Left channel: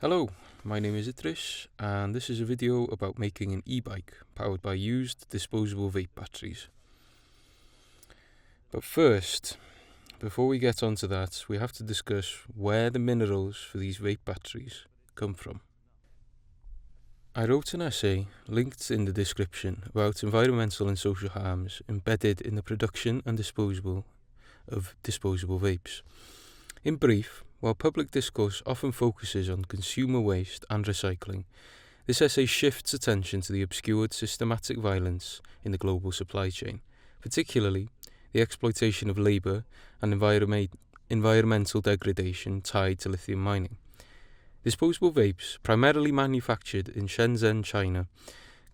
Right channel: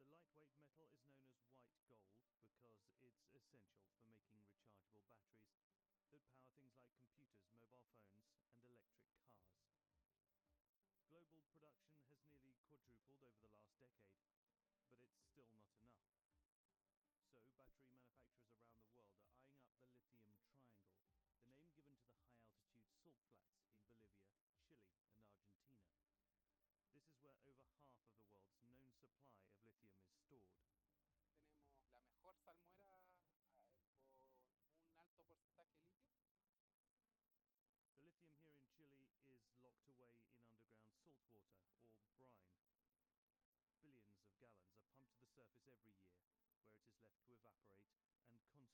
Hello, my name is Idris and this is a video about making an e-bike powered by used disposable vape batteries. But first, before we get onto that, we have to discuss where the minerals for these vape batteries come from. I wrote an essay, linked in the description, about environmental and social harms embedded in the production and disposal of disposable vapes. In brief, while public discourse often focuses on consumer waste and recycling, this essay shifts attention to the obscured systematic violence in the global supply chain, particularly the exploitation of labour and environmental degradation tied to lithium mining. Disposable vapes, primarily manufactured in Shenzhen, China,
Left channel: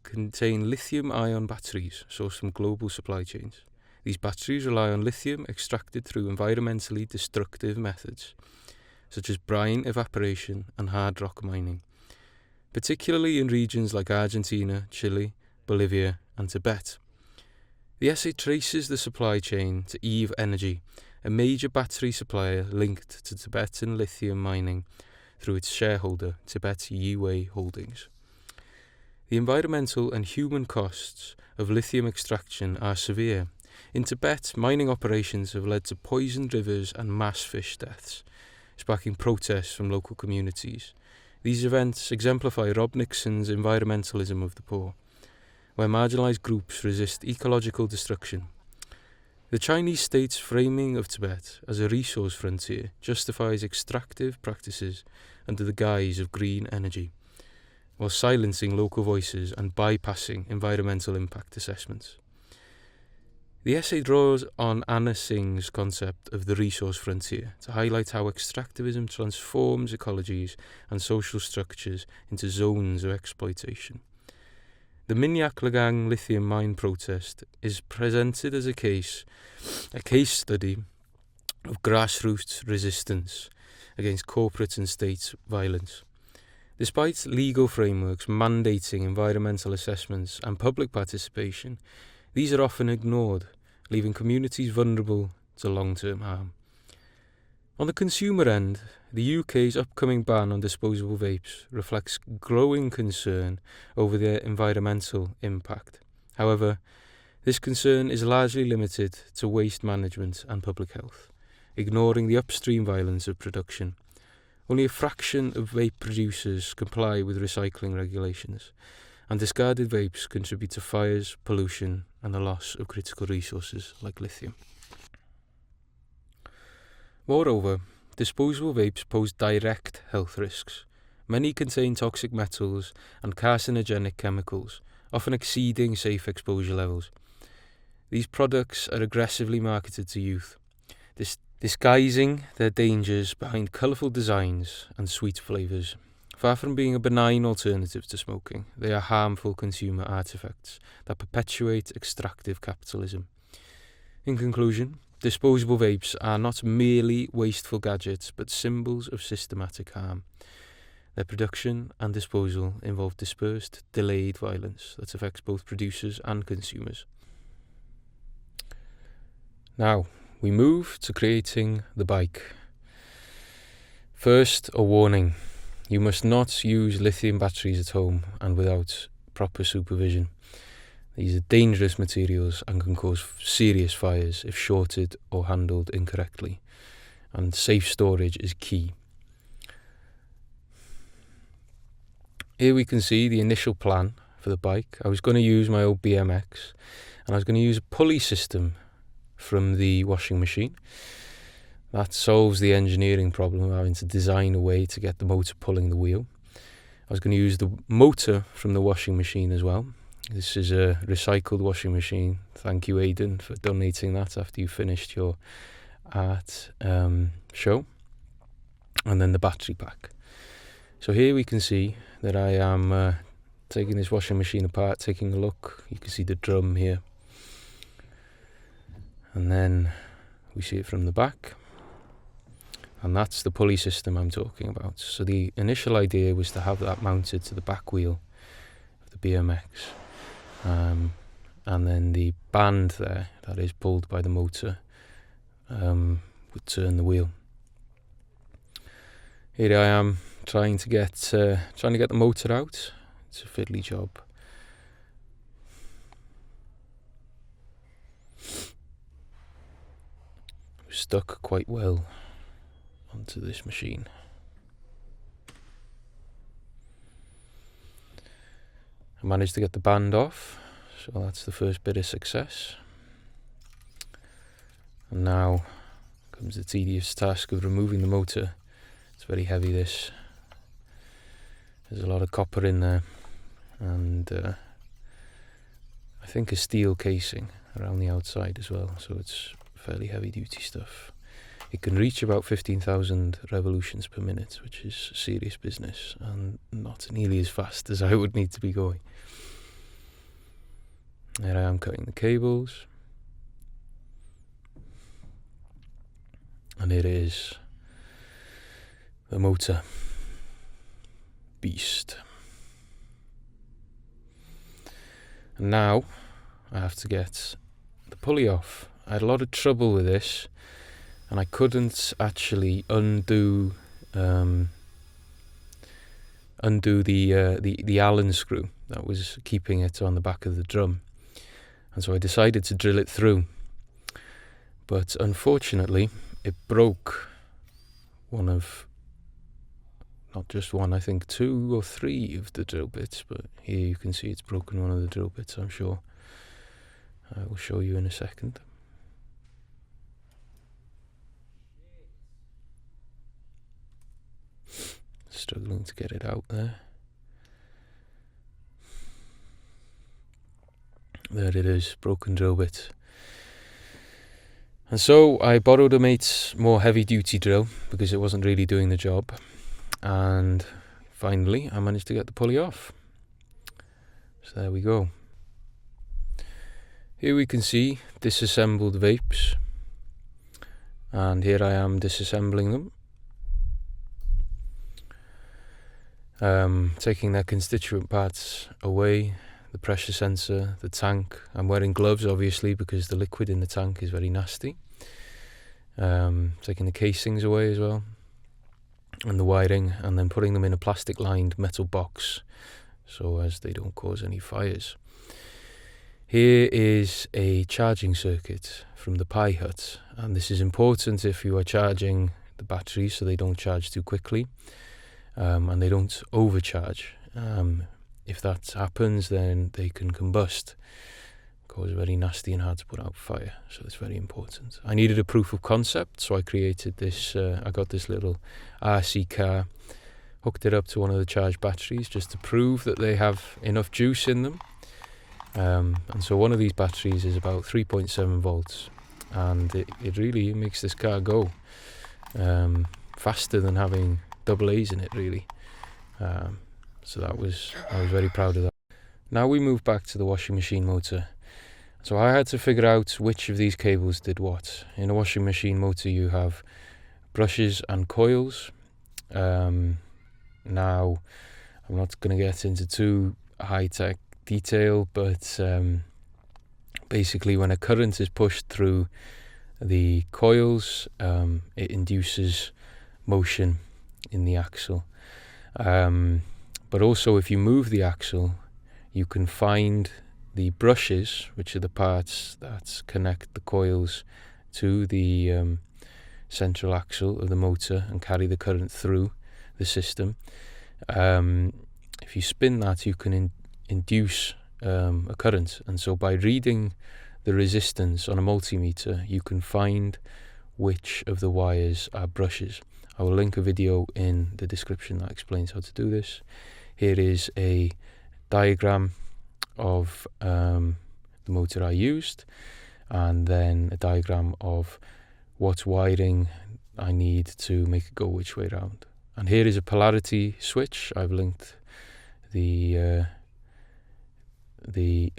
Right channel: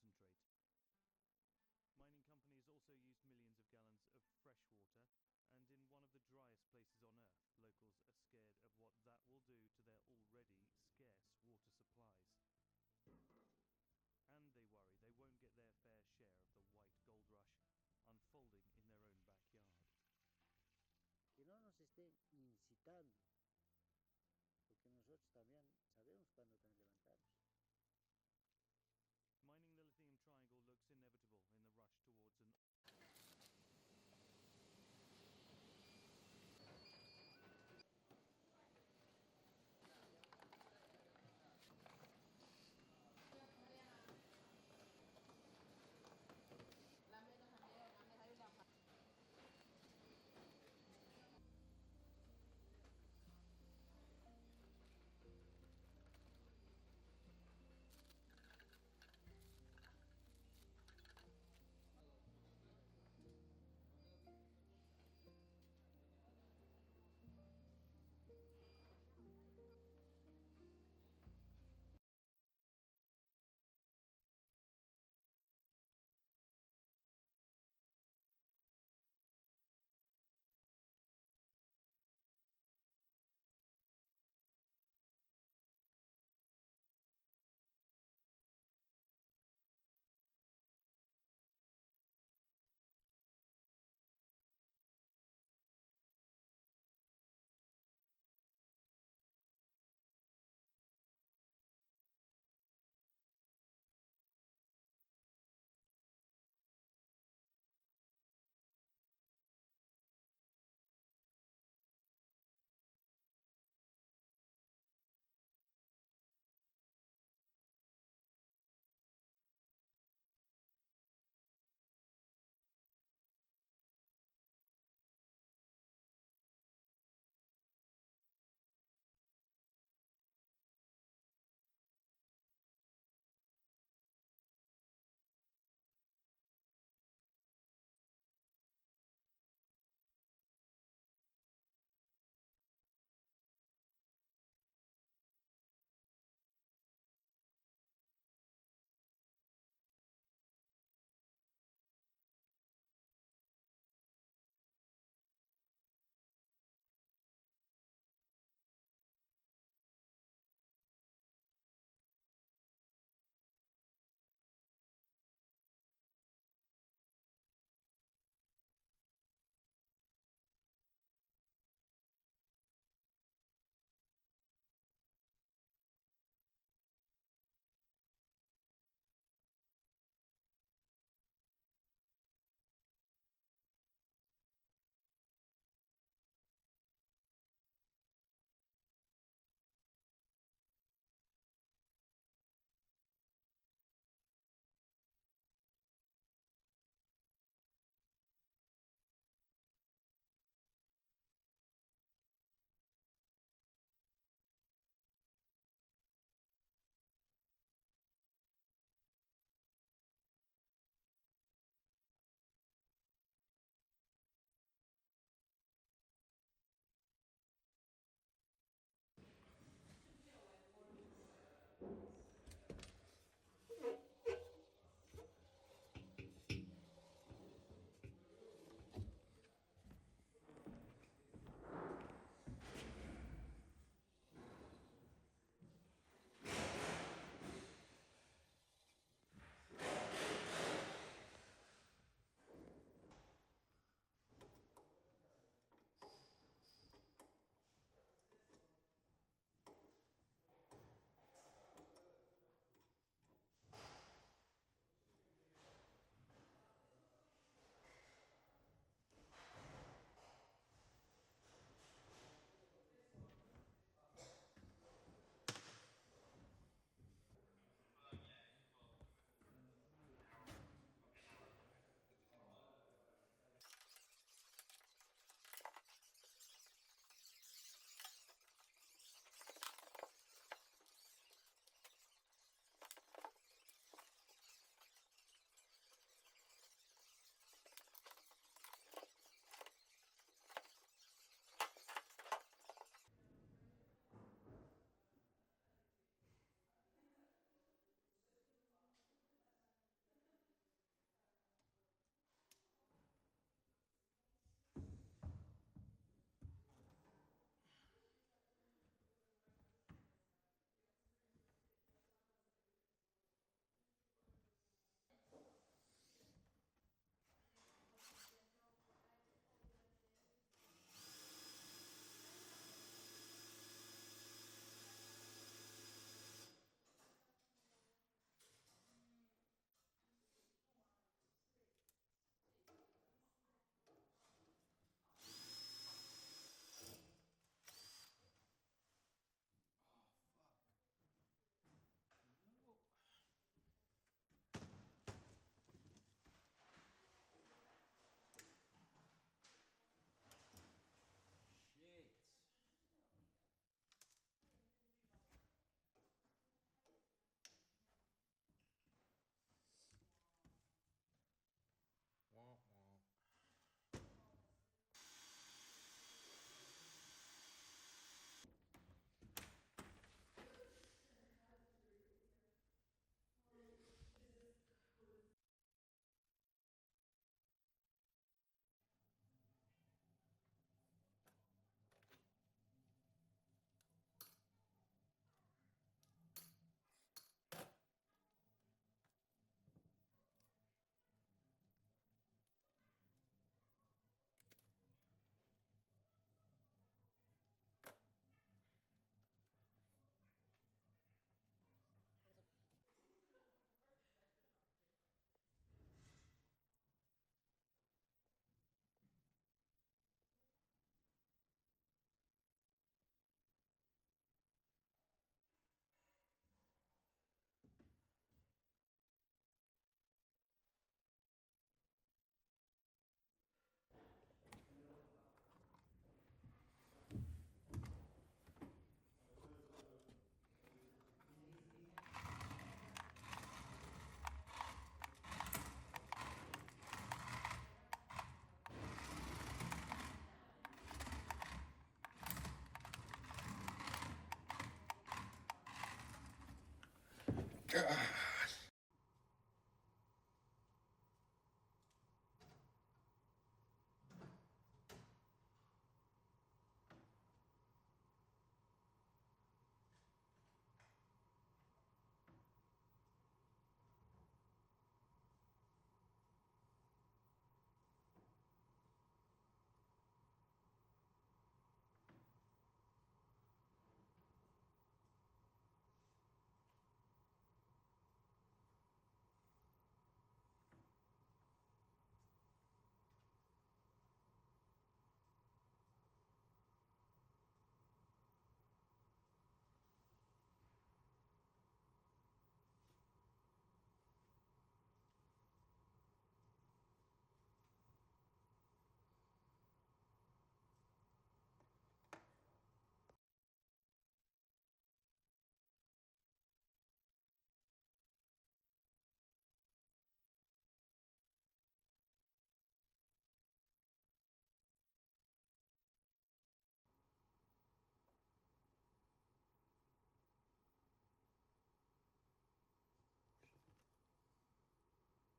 contain lithium-ion batteries sourced from global supply chains. These batteries rely on lithium extracted through environmentally destructive methods, such as brine evaporation and hard rock mining, particularly in regions like Argentina, Chile, Bolivia, and Tibet. The essay traces the supply chain to Eve Energy, a major battery supplier linked to Tibetan lithium mining through its shareholder, Tibet Yiwei Holdings. The environmental and human costs of lithium extraction are severe. In Tibet, mining operations have led to poisoned rivers and mass fish deaths, sparking protests from local communities. These events exemplify Rob Nixon's environmentalism of the poor, where marginalised groups resist ecological destruction. The Chinese state's framing of Tibet as a resource frontier justifies extractive practices under the guise of green energy, while silencing local voices and bypassing environmental impact assessments. The essay draws on Anna Singh's concept of the resource frontier to highlight how extractivism transforms ecologies and social structures into zones of exploitation. The Minyak Lagang lithium mine protest is presented as a case study of grassroots resistance against corporate and state violence. Despite legal frameworks mandating environmental assessments and public participation, these are often ignored, leaving communities vulnerable to long-term harm. On the consumer end, the UK's upcoming ban on disposable vapes reflects growing concern over their environmental impact. However, this concern is largely limited to waste management and public health, ignoring the upstream violence of production. Only a fraction of vape producers comply with recycling regulations, and discarded vapes contribute to fires, pollution, and the loss of critical resources like lithium. Moreover, disposable vapes pose direct health risks. Many contain toxic metals and carcinogenic chemicals, often exceeding safe exposure levels. These products are aggressively marketed to youth, disguising their dangers behind colourful designs and sweet flavours. Far from being a benign alternative to smoking, they are harmful consumer artefacts that perpetuate extractive capitalism. In conclusion, disposable vapes are not merely wasteful gadgets, but symbols of systematic harm. Their production and disposal involve dispersed, delayed violence that affects both producers and consumers. Now, we move to creating the bike. First, a warning. You must not use lithium batteries at home and without proper supervision. These are dangerous materials and can cause serious fires if shorted or handled incorrectly, and safe storage is key. Here we can see the initial plan for the bike. I was going to use my old BMX, and I was going to use a pulley system from the washing machine. That solves the engineering problem of having to design a way to get the motor pulling the wheel. I was going to use the motor from the washing machine as well. This is a recycled washing machine. Thank you, Aidan, for donating that after you finished your art show. And then the battery pack. So here we can see that I am taking this washing machine apart, taking a look. You can see the drum here. And then we see it from the back. And that's the pulley system I'm talking about. So the initial idea was to have that mounted to the back wheel of the BMX. And then the band there, that is pulled by the motor, would turn the wheel. Here I am trying to get the motor out. It's a fiddly job. Stuck quite well onto this machine. I managed to get the band off, so that's the first bit of success. And now comes the tedious task of removing the motor. It's very heavy, this. There's a lot of copper in there, and I think a steel casing around the outside as well, so it's fairly heavy duty stuff. It can reach about 15,000 revolutions per minute, which is serious business, and not nearly as fast as I would need to be going. There I am cutting the cables, and it is the motor beast. And now I have to get the pulley off. I had a lot of trouble with this, and I couldn't actually undo the Allen screw that was keeping it on the back of the drum, and so I decided to drill it through. But unfortunately, it broke one of, not just one, I think 2 or 3 of the drill bits, but here you can see it's broken one of the drill bits, I'm sure. I will show you in a second. Struggling to get it out there. There it is, broken drill bit. And so I borrowed a mate's more heavy duty drill because it wasn't really doing the job. And finally I managed to get the pulley off. So there we go. Here we can see disassembled vapes. And here I am disassembling them. Taking their constituent parts away, the pressure sensor, the tank. I'm wearing gloves obviously because the liquid in the tank is very nasty. Taking the casings away as well, and the wiring, and then putting them in a plastic lined metal box so as they don't cause any fires. Here is a charging circuit from the Pi Hut, and this is important if you are charging the batteries so they don't charge too quickly. And they don't overcharge. If that happens, then they can combust, cause very nasty and hard to put out fire, so it's very important. I needed a proof of concept, so I created this, I got this little RC car, hooked it up to one of the charged batteries just to prove that they have enough juice in them. And so one of these batteries is about 3.7 volts, and it really makes this car go faster than having double A's in it, really. So I was very proud of that. Now we move back to the washing machine motor. So I had to figure out which of these cables did what. In a washing machine motor you have brushes and coils. Now I'm not going to get into too high-tech detail, but basically when a current is pushed through the coils, it induces motion in the axle. But also if you move the axle, you can find the brushes, which are the parts that connect the coils to the central axle of the motor and carry the current through the system. If you spin that, you can induce a current, and so by reading the resistance on a multimeter, you can find which of the wires are brushes. I will link a video in the description that explains how to do this. Here is a diagram of the motor I used, and then a diagram of what wiring I need to make it go which way round. And here is a polarity switch. I've linked the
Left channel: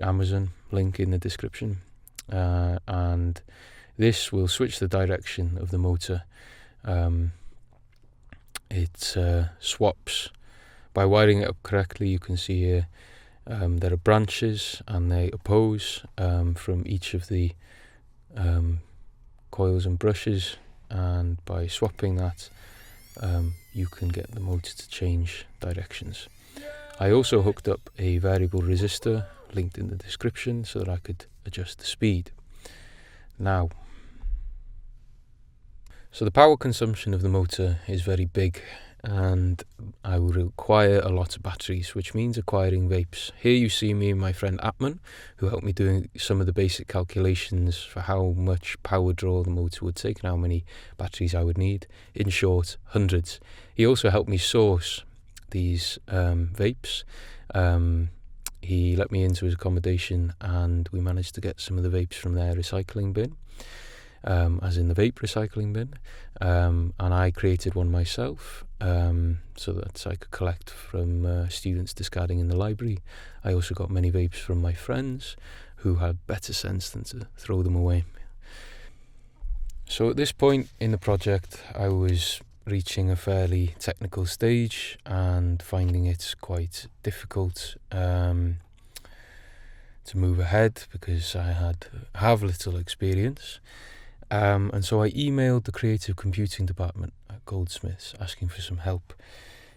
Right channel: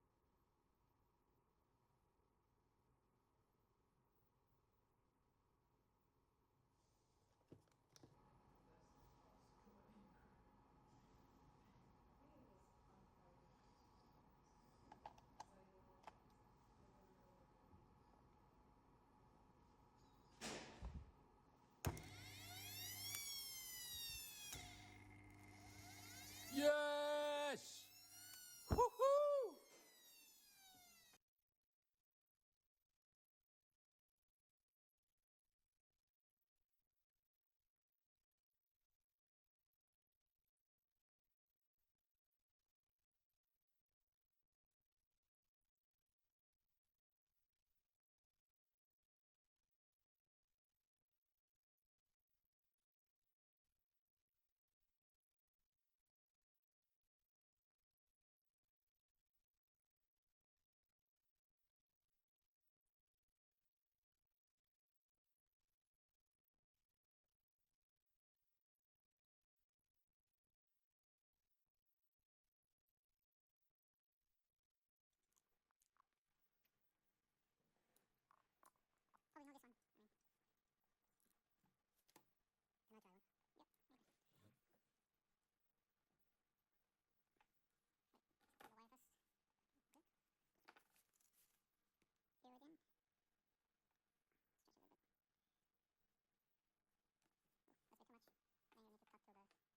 Amazon link in the description, and this will switch the direction of the motor. It swaps by wiring it up correctly. You can see here there are branches and they oppose from each of the coils and brushes, and by swapping that you can get the motor to change directions. I also hooked up a variable resistor, linked in the description, so that I could adjust the speed. Now, so the power consumption of the motor is very big, and I will require a lot of batteries, which means acquiring vapes. Here you see me and my friend Atman, who helped me doing some of the basic calculations for how much power draw the motor would take and how many batteries I would need. In short, hundreds. He also helped me source these vapes. He let me into his accommodation, and we managed to get some of the vapes from their recycling bin. As in the vape recycling bin, and I created one myself so that I could collect from students discarding in the library. I also got many vapes from my friends who had better sense than to throw them away. So at this point in the project, I was reaching a fairly technical stage and finding it quite difficult to move ahead because I have little experience. And so I emailed the creative computing department at Goldsmiths asking for some help.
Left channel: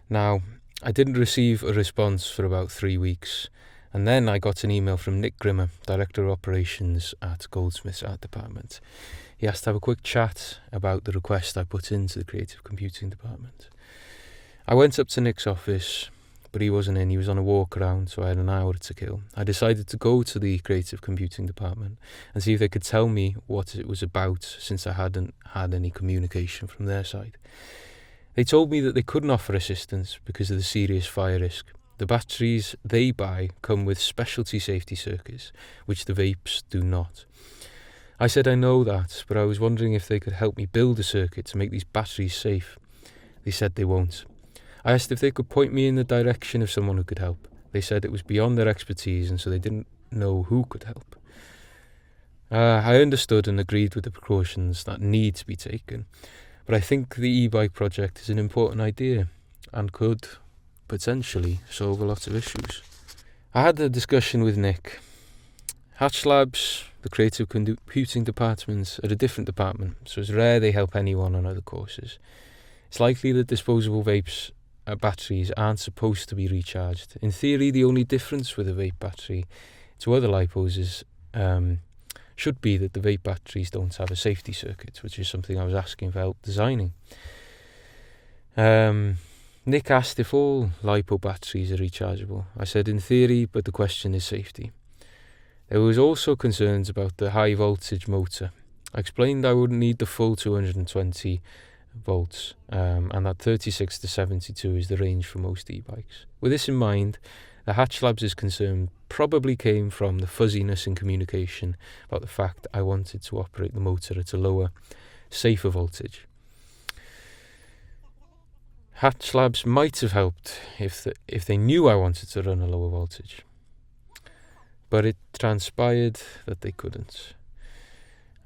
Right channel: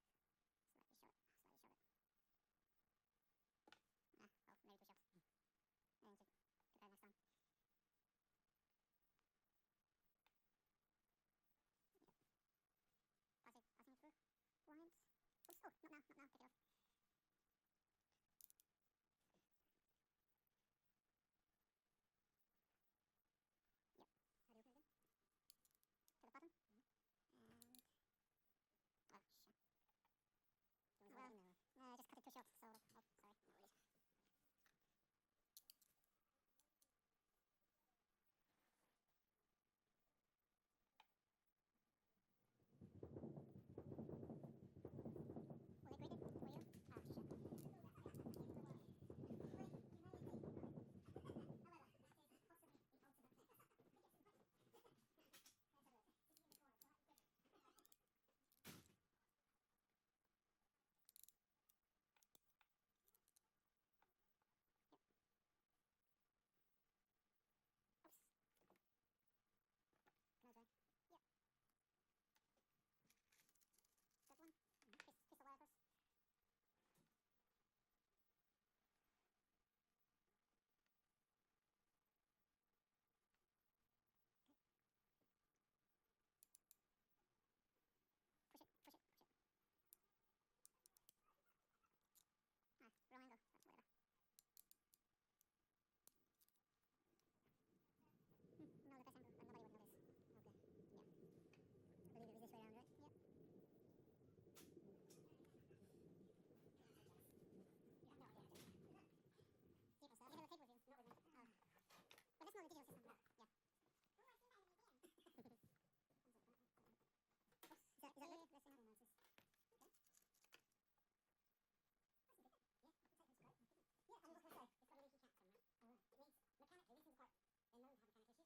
Now, I didn't receive a response for about 3 weeks, and then I got an email from Nick Grimmer, Director of Operations at Goldsmiths Art Department. He asked to have a quick chat about the request I put into the creative computing department. I went up to Nick's office, but he wasn't in. He was on a walk around, so I had an hour to kill. I decided to go to the creative computing department and see if they could tell me what it was about, since I hadn't had any communication from their side. They told me that they couldn't offer assistance because of the serious fire risk. The batteries they buy come with specialty safety circuits, which the vapes do not. I said I know that, but I was wondering if they could help me build a circuit to make these batteries safe. They said they won't. I asked if they could point me in the direction of someone who could help. They said it was beyond their expertise, and so they didn't know who could help. I understood and agreed with the precautions that need to be taken, but I think the e-bike project is an important idea and could potentially solve a lot of issues. I had a discussion with Nick. Hatch Labs, the creative computing department, are a different department, so it's rare they help anyone on other courses. It's likely that disposable vapes batteries aren't supposed to be recharged. In theory, the only difference with a vape battery to other LiPos is should be that the vape batteries don't have a safety circuit, which is something I was asking for help designing. Nick asked if all LiPo batteries are rechargeable. I said in theory, but the question is safety. There was also concerns about the high voltage motor. I explained I wouldn't need the full 220 volts, and that 36 to 72 is the range for most e-bikes. With this in mind, the Hatch Labs' concern probably came from the fuzziness in communication about the fact I wanted to operate the motor at a lower, safer voltage. Hatch Labs might have helped if they knew I wanted to run a lower voltage, but it transpired that they couldn't.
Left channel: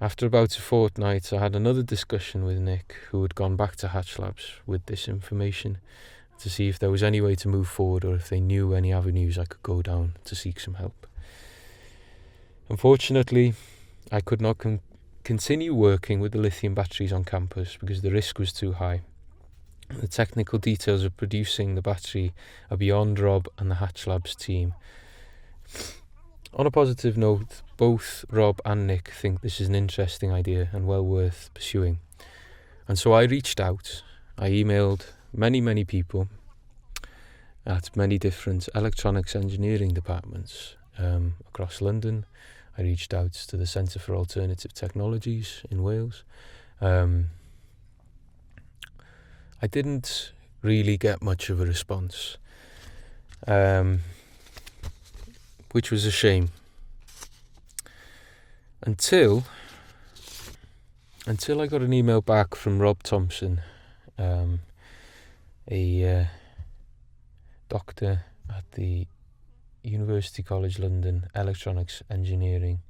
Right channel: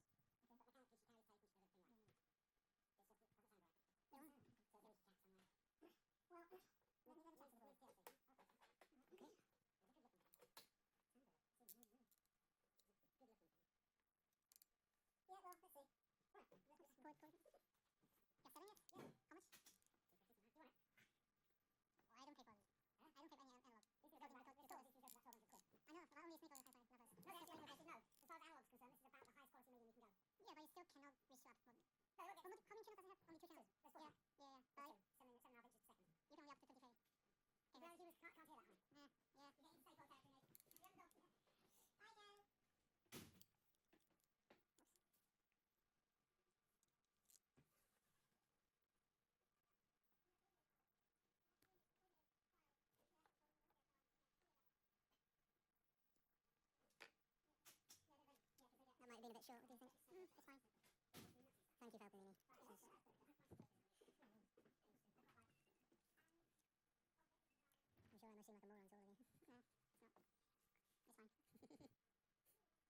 After about a fortnight, I had another discussion with Nick, who had gone back to Hatch Labs with this information to see if there was any way to move forward or if they knew any avenues I could go down to seek some help. Unfortunately, I could not continue working with the lithium batteries on campus because the risk was too high. The technical details of producing the battery are beyond Rob and the Hatch Labs team. On a positive note, both Rob and Nick think this is an interesting idea and well worth pursuing. And so I reached out. I emailed many people at many different electronics engineering departments across London. I reached out to the Centre for Alternative Technologies in Wales. I didn't really get much of a response, which was a shame. Until I got an email back from Rob Thompson, a doctor at the University College London Electronics Engineering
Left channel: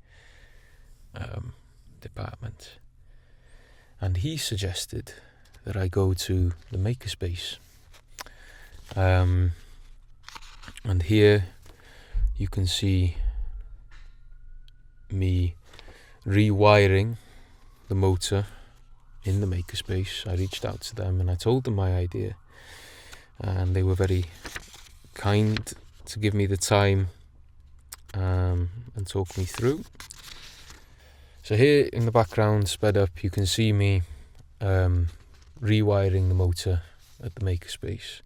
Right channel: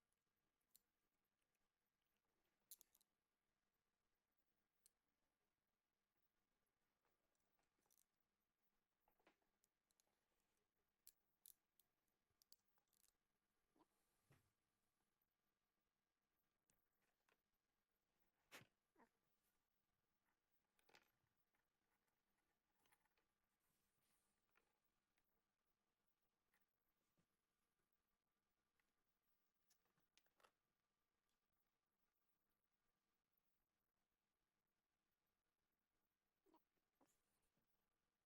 department, and he suggested that I go to the makerspace. And here you can see me rewiring the motor in the makerspace. I reached out to them and I told them my idea. and they were very kind to give me the time and talk me through. So here in the background, sped up, you can see me rewiring the motor at the makerspace.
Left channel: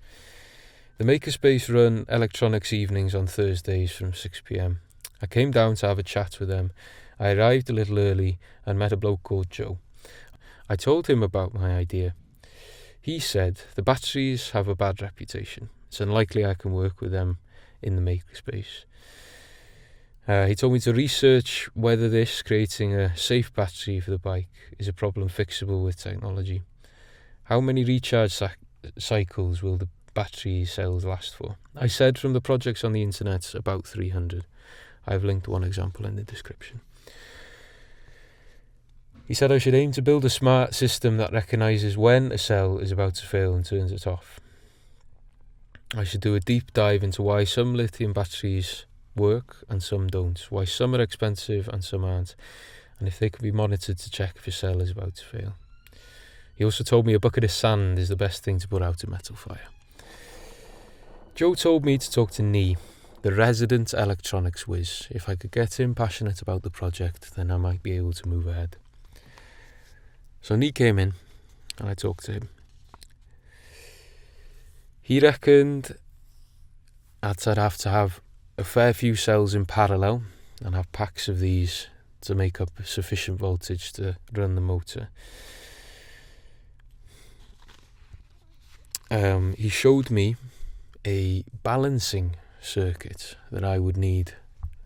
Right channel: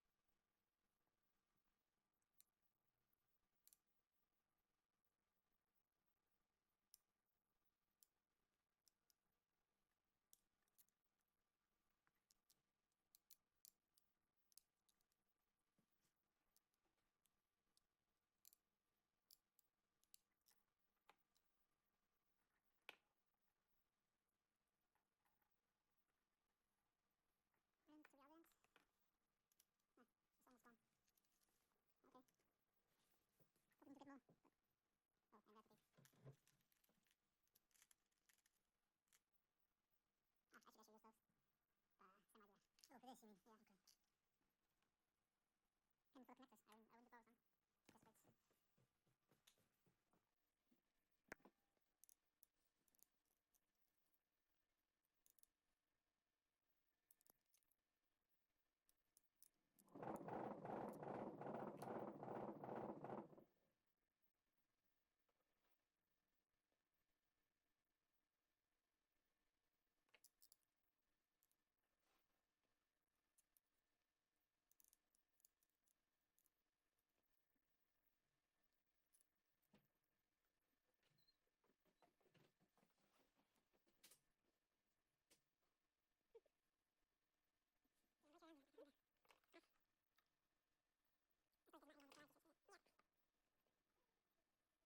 The makerspace run electronics evenings on Thursdays from 6 p.m. I came down to have a chat with them. I arrived a little early and met a bloke called Joe. I told him about my idea. He said the batteries have a bad reputation. It's unlikely I can work with them in the makerspace. He told me to research whether this, creating a safe battery for the bike, is a problem fixable with technology. How many recharge cycles will the battery cells last for? I said from the projects on the internet, about 300. I've linked one example in the description. He said I should aim to build a smart system that recognises when a cell is about to fail and turns it off. I should do a deep dive into why some lithium batteries work and some don't, why some are expensive and some aren't, and if they can be monitored to check if a cell is about to fail. He also told me a bucket of sand is the best thing to put out a metal fire. Joe told me to talk to Nee, the resident electronics whiz. If I could get him passionate about the project, then I might be able to move ahead. So Nee came in and I talked to him. He reckoned I'd have to have a fair few cells in parallel and have packs of these to make up sufficient voltage to run the motor. He showed me a balancing circuit that I would need,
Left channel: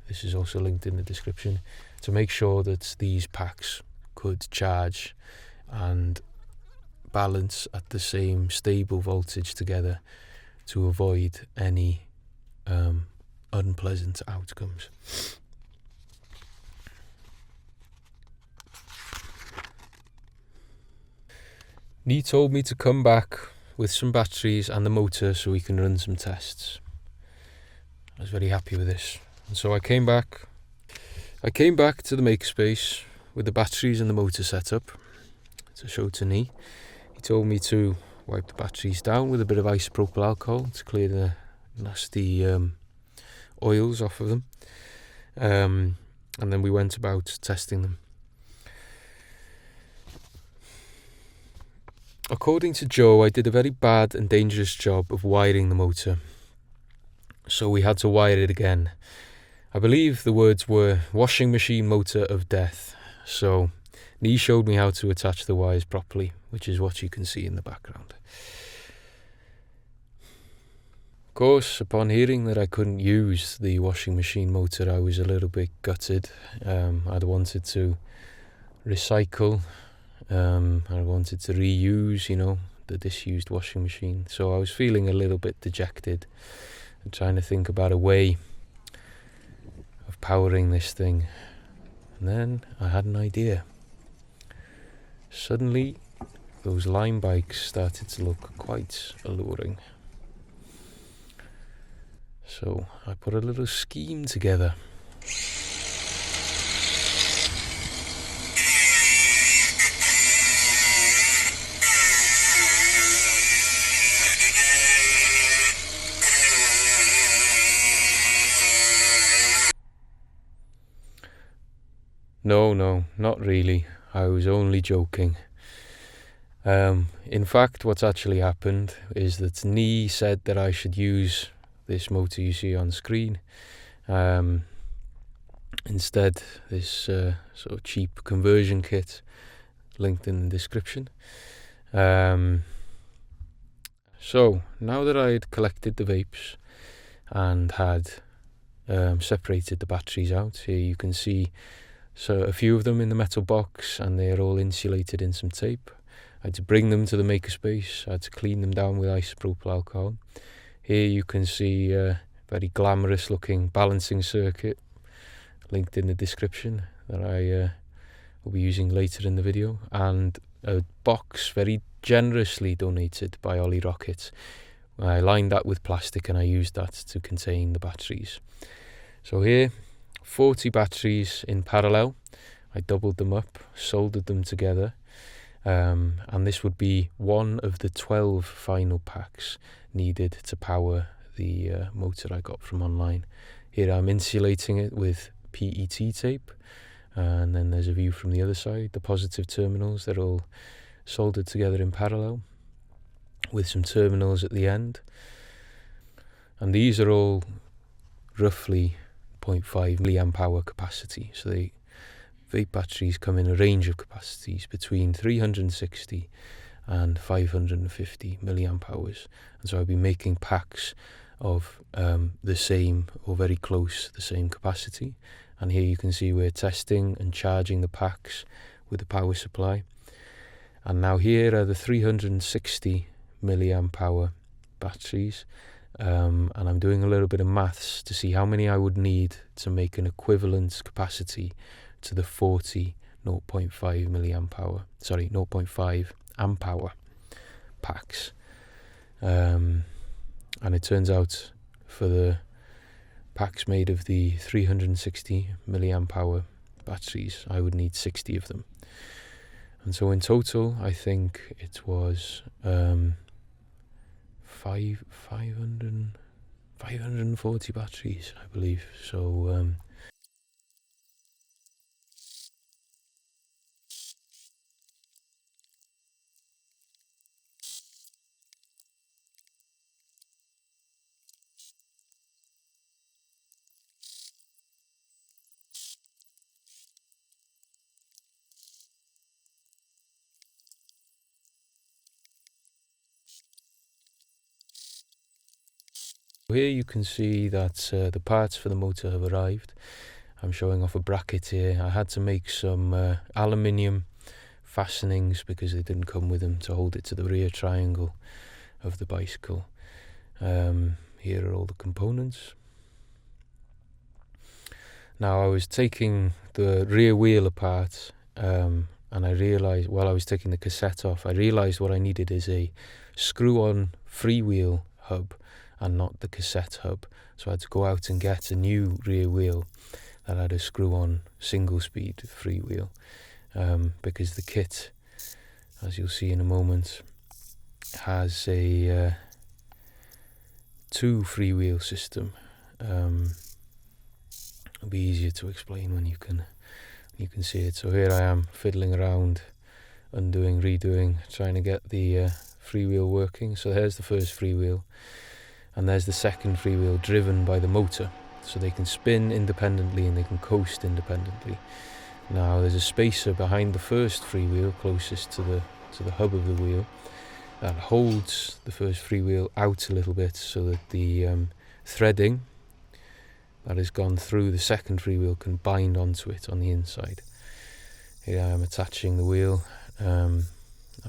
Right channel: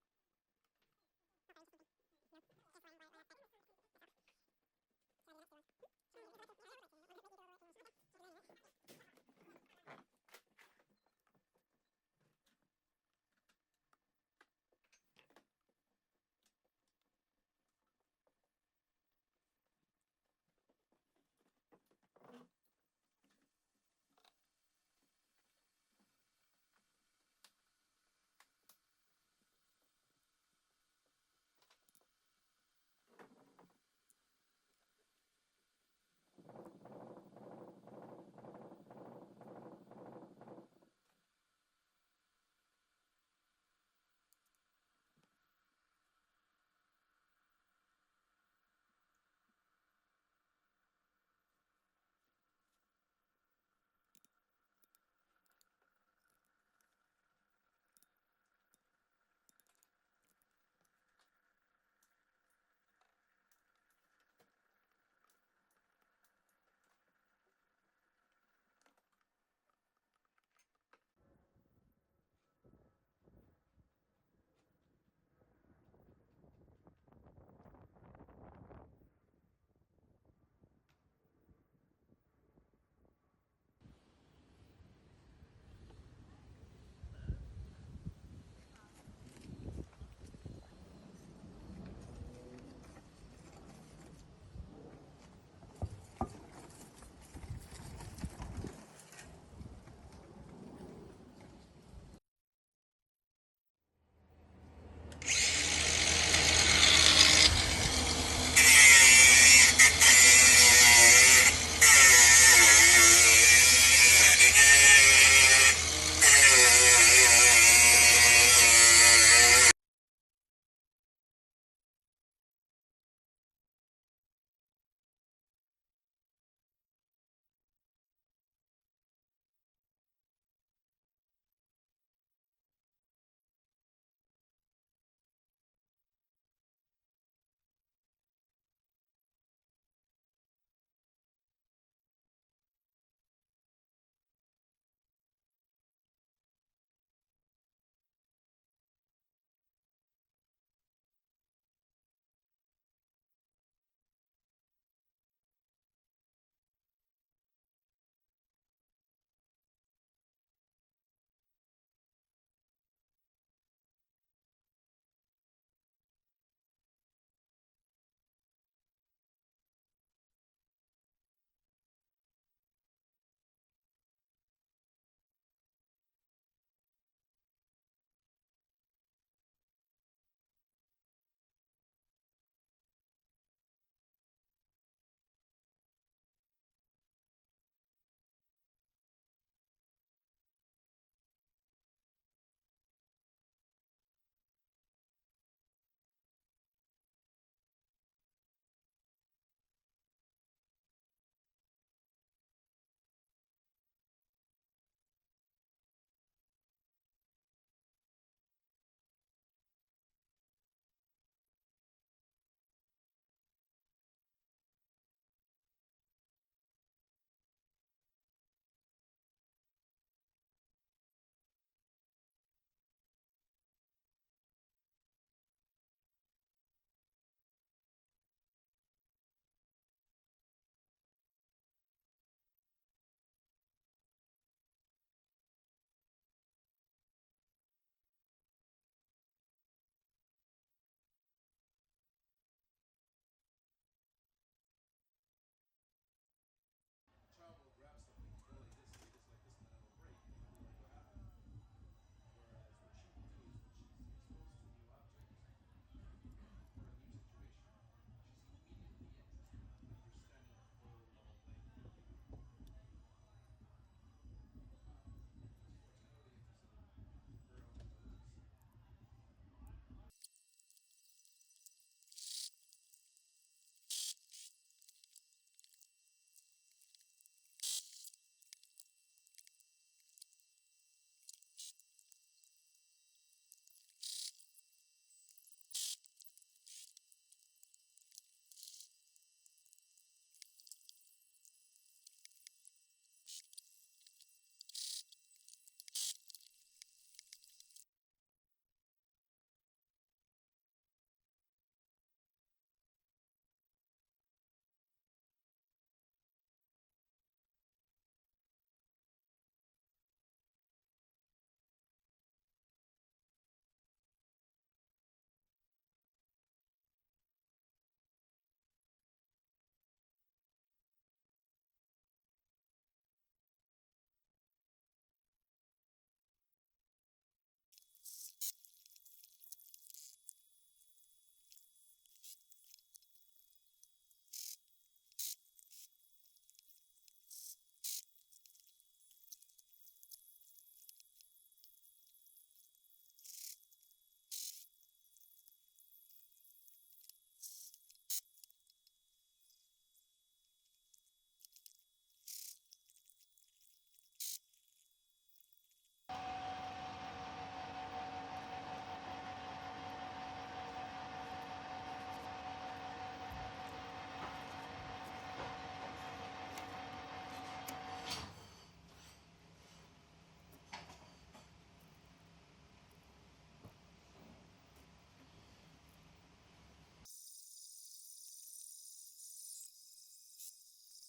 this is also linked in the description, to make sure that these packs could charge and balance at the same stable voltage together to avoid any unpleasant outcomes. Nee told me to come back with some batteries and the motor so we can run some tests. I was very happy with this, and so I came back to the makerspace with the batteries and the motor set up to show to Nee. He told me to wipe the batteries down with a bit of isopropyl alcohol to clear the nasty oils off of them, and then we went about testing them. According to Joe, I did a very bad and dangerous job of wiring the motor, so we had to wire it again. I believe the words were washing machine motor of death, so Nee showed me how to attach the wires properly, which is what you can see in the background. Of course, upon hearing that I couldn't use the washing machine motor, I was a little bit gutted. I'd wanted to recycle, I wanted to reuse, the disused washing machine. So I was feeling a little bit dejected and trying to think about a way of powering this thing. And then I had an idea. Suddenly, those Lime bikes started to look quite alluring. So I put a little scheme together. No, not really. I was only joking. In fact, what's actually happened is that Nee said that I should use this motor you see on screen. Instead, this sort of cheap conversion kit linked in the description. So now that I had collected the vapes and had separated the batteries out, here you can see a few of them in the metal box, and they are all insulated in some tape. I had to bring them to the makerspace. I had to clean them down with isopropyl alcohol. Here you can see a very glamorous looking balancing circuit linked in the description that I will be using later in the video, and a box very generously donated by Ollie Rocket. I lined that with plastic and I used that to contain the batteries. So here, 40 batteries in parallel. I doubled them up, soldered them together, and this would be one of the 12 final packs needed to power the motor I got from online. Here I'm insulating it with PET tape, and then there's a view from the other side. The positive terminals, they're all soldered together in parallel with some terminals at the end, and these are all roughly 0.5 milliamp hour capacity. So the vape batteries come in a range of capacities between 360 and 550 milliamp hours, and so I'll be making packs of the same or very close the same capacity. And here you can see we're testing and charging the packs with the power supply. And now here are the 360 milliamp hour batteries, and I'm doing a little bit of maths to see how many I would need to make an equivalent capacity to the 40 0.5 milliamp hour, 0.5 amp hour packs. And it turns out for the packs made of the 360 milliamp hour batteries, I would need 60 of them. And so in total, I think it was 540 batteries, I believe. So here you can see that the parts for the motor have arrived. I'm showing off a bracket here. I had to make some aluminium fastenings because they didn't come with them to hold it to the rear triangle of the bicycle. Here are all the components. Now I was taking the rear wheel apart, and I realised while I was taking the cassette off, I realised what I needed is a screw-on freewheel hub and not the cassette hub. So I had to go out and get a new rear wheel that had a screw-on single-speed freewheel, because the kit, as you'll see in a moment, has a 2 freewheel system. It'll be easier to explain when you can see it. So here I am fiddling around, undoing, redoing, trying to get the freewheel working. So there's the first freewheel, and there's the second freewheel driven by the motor, so they can spin independently and they can coast independently. Now there's a spacer behind the first freewheel closest to the hub of the wheel that holds the first freewheel out a little bit so that the threading that has gone through the second freewheel can bind onto it on the inside. Here I am attaching the wheel and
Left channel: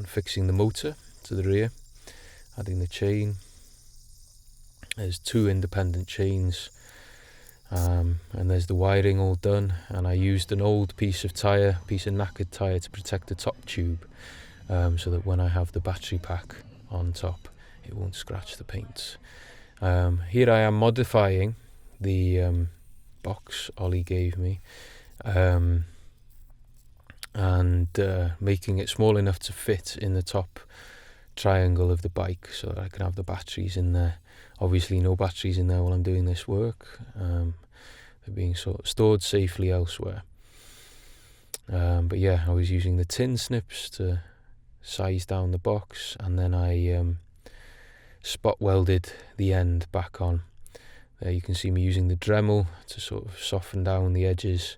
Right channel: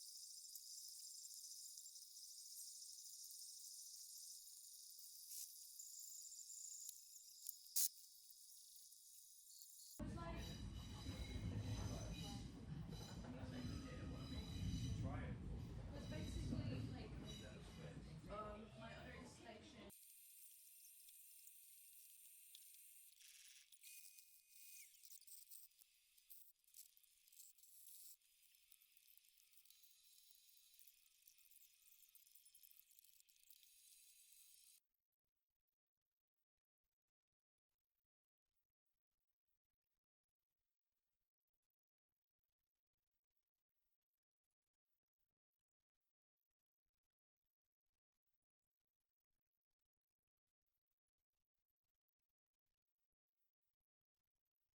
fixing the motor to the rear, adding the chain. There's 2 independent chains, and there's the wiring all done, and I used an old piece of knackered tyre to protect the top tube, so that when I have the battery pack on top it won't scratch the paint. Here I am modifying the box Ollie gave me, and making it small enough to fit in the top triangle of the bike so that I can have the batteries in there. Obviously no batteries in there while I'm doing this work. They're being stored safely elsewhere. But yeah, I was using the tin snips to size down the box, and then I spot welded the end back on. There you can see me using the Dremel to sort of soften down the edges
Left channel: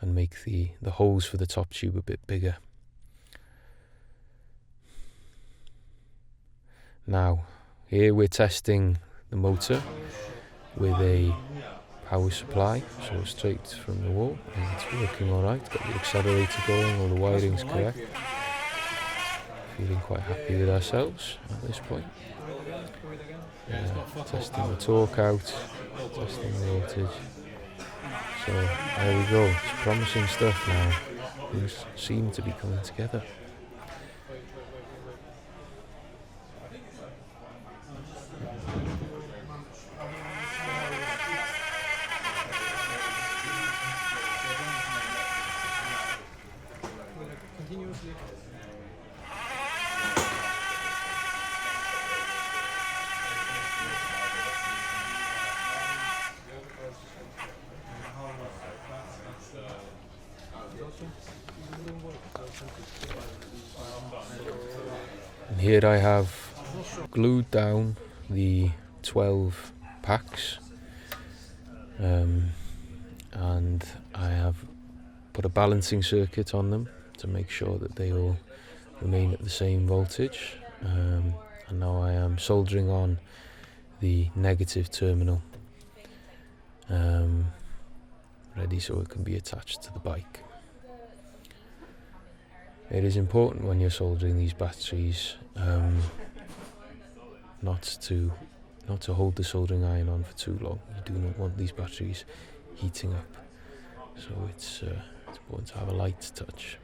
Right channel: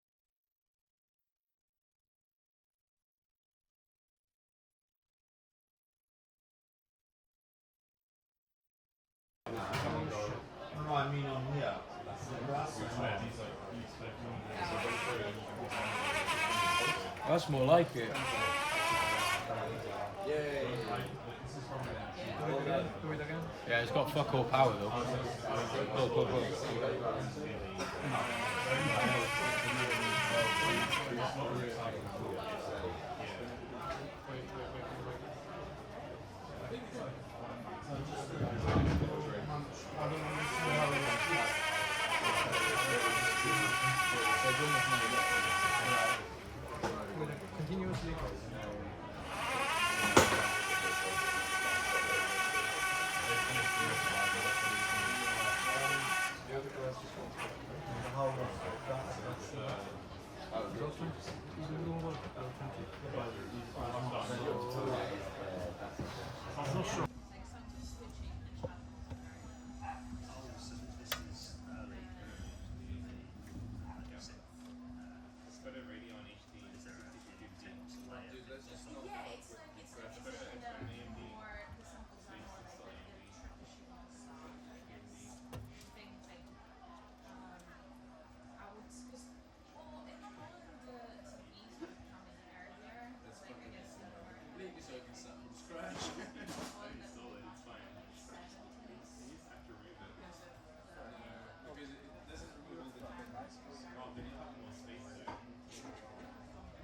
and make the holes for the top tube a bit bigger. Now, here we're testing the motor with a power supply, so straight from the wall, and it's working alright. Got the accelerator going, all the wiring's correct. Feeling quite happy with ourselves at this point. Yeah, it's got fuck all Testing power. the torque out, testing the voltage. So there we go, it's promising stuff now. Things seem to be coming together. Here I have glued down the 12 packs, and I have put a balancing circuit on them to make sure that they all remain at the same voltage, and now I am soldering on the negative terminal, ready so it can be attached to the bike. It is important when you're soldering these batteries not to hold the soldering iron on for too long. You do not want these batteries heating up, so it's important to have a light touch.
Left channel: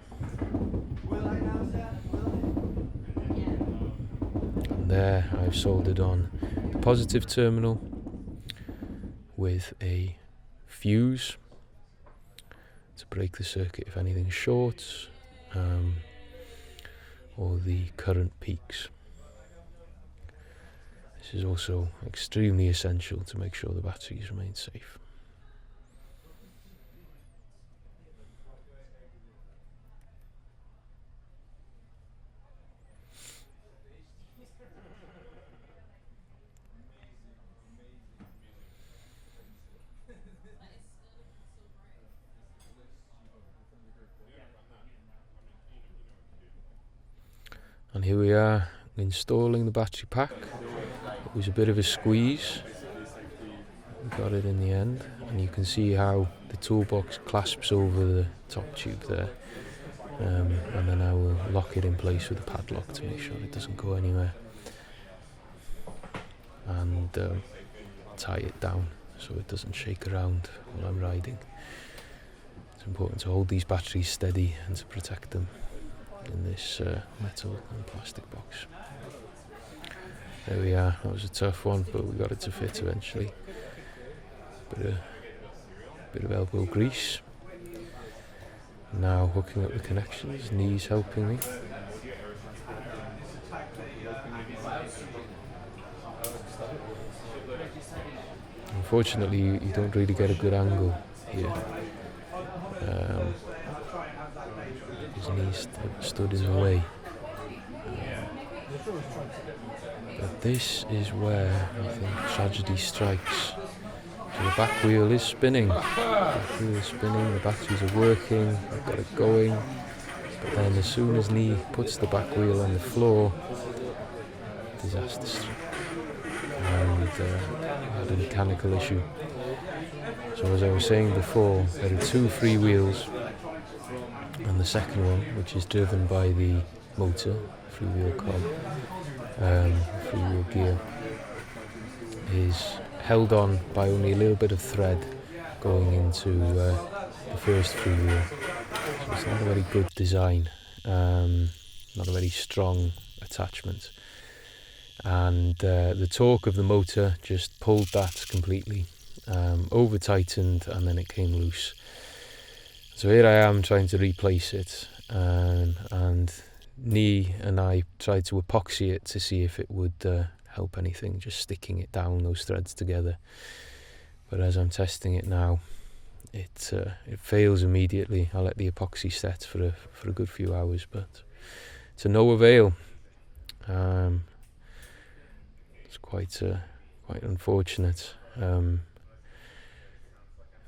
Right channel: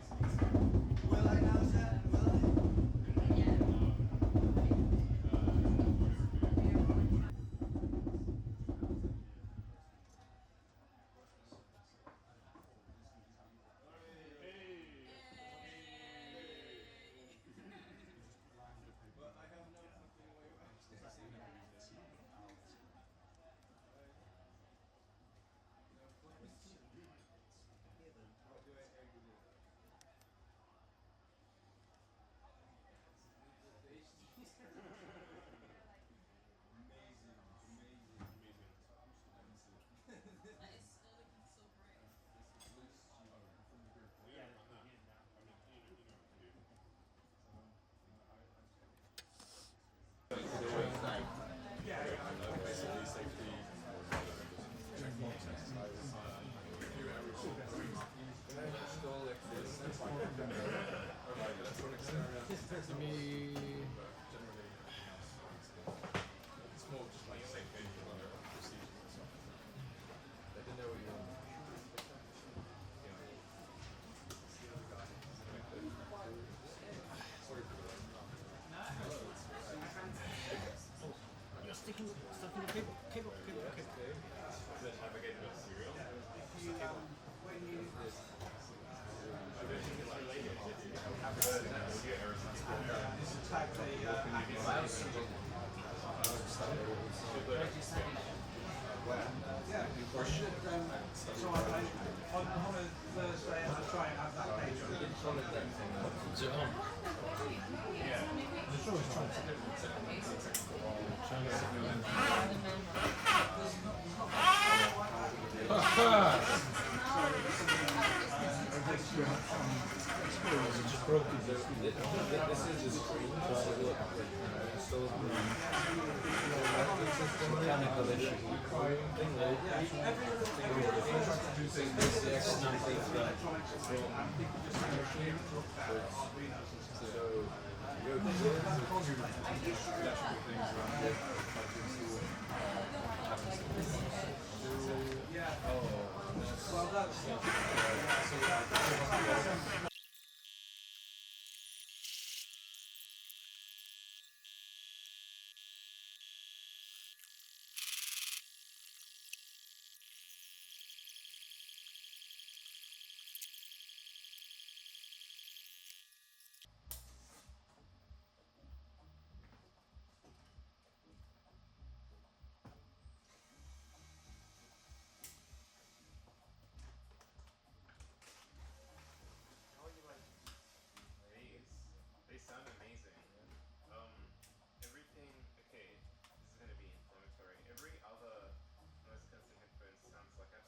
And there I've soldered on the positive terminal with a fuse to break the circuit if anything shorts, or the current peaks. This is also extremely essential to make sure the batteries remain safe. And here we are installing the battery pack. It was a bit of a squeeze. We got it in the end, and you can see how the toolbox clasps over the top tube there. And then I will lock it in place with a padlock to make sure it doesn't go anywhere. And tie it down so it doesn't shake around while I'm riding. It's important to hold these batteries steady and to protect them in this metal and plastic box. There we are. That was a tough one, but we got it to fit eventually. Bit of elbow grease. Now hooking up the connections. Knees helping me. Unfortunately, you don't really get a good angle here. His knees stood in the way. But this is where I think tragedy strikes. So the back wheel is spinning. The batteries are working, I've got it going. But then as soon as Knee puts the back wheel on the floor, disaster strikes. And a mechanical issue. So as I was saying before, there are two free wheels, and the second one, which is driven by the motor, freewheel cob, freewheel gear, is held on by only a little bit of thread going into the first freewheel. So it's not a very good design, not a very strong attachment. And the torque of the motor just pulled that completely, over tightened, and then it came loose. So here I am trying to replace it, and Knee and I tried to epoxy it to see if it would help anything, just sticking it down, those threads together. But as I'm testing it now, it fails immediately. I let the epoxy set for a good few hours, but to no avail. Quite unfortunate.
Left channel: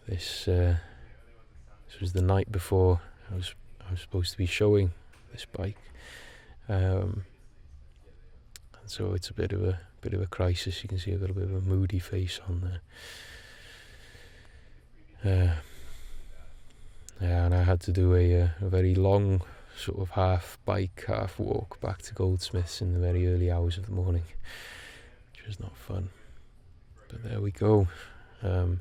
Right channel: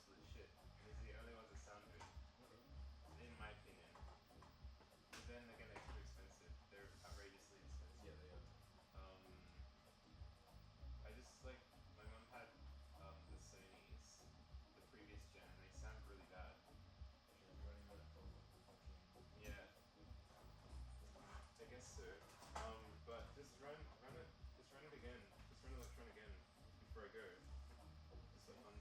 This was the night before I was supposed to be showing this bike, and so it's a bit of a crisis. You can see I've got a bit of a moody face on there. Yeah, and I had to do a very long sort of half bike, half walk back to Goldsmiths in the very early hours of the morning. Is not fun, but there we go. So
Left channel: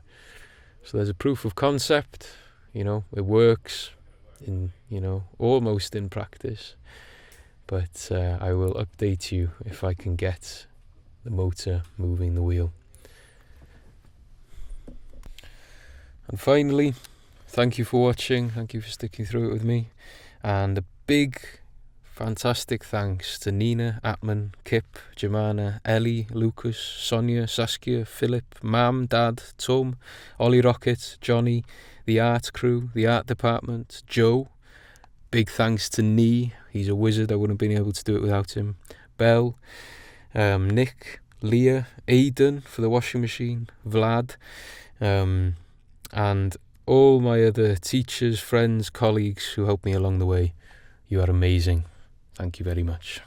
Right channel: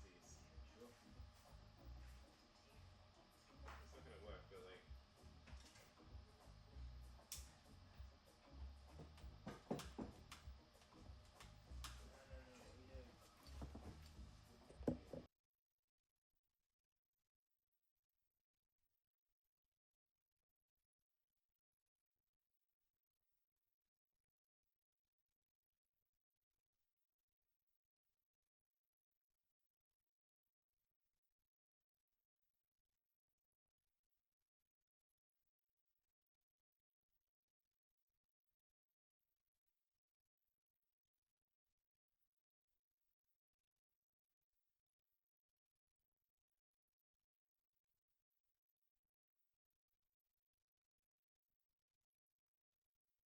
there's a proof of concept, it works in, almost in practice, but I will update you if I can get the motor moving the wheel. And finally, thank you for watching, thank you for sticking through it with me, and a big fantastic thanks to Nina, Atman, Kip, Jemana, Ellie, Lucas, Sonia, Saskia, Philip, Mam, Dad, Tom, Ollie Rocket, Johnny, the art crew, the art department, Joe. Big thanks to Nee, he's a wizard, I wouldn't have been able to do it without him. Belle, Nick, Leah, Aidan for the washing machine, Vlad, and all my other teachers, friends, colleagues who helped me along the way. You are amazing. Thank you very much.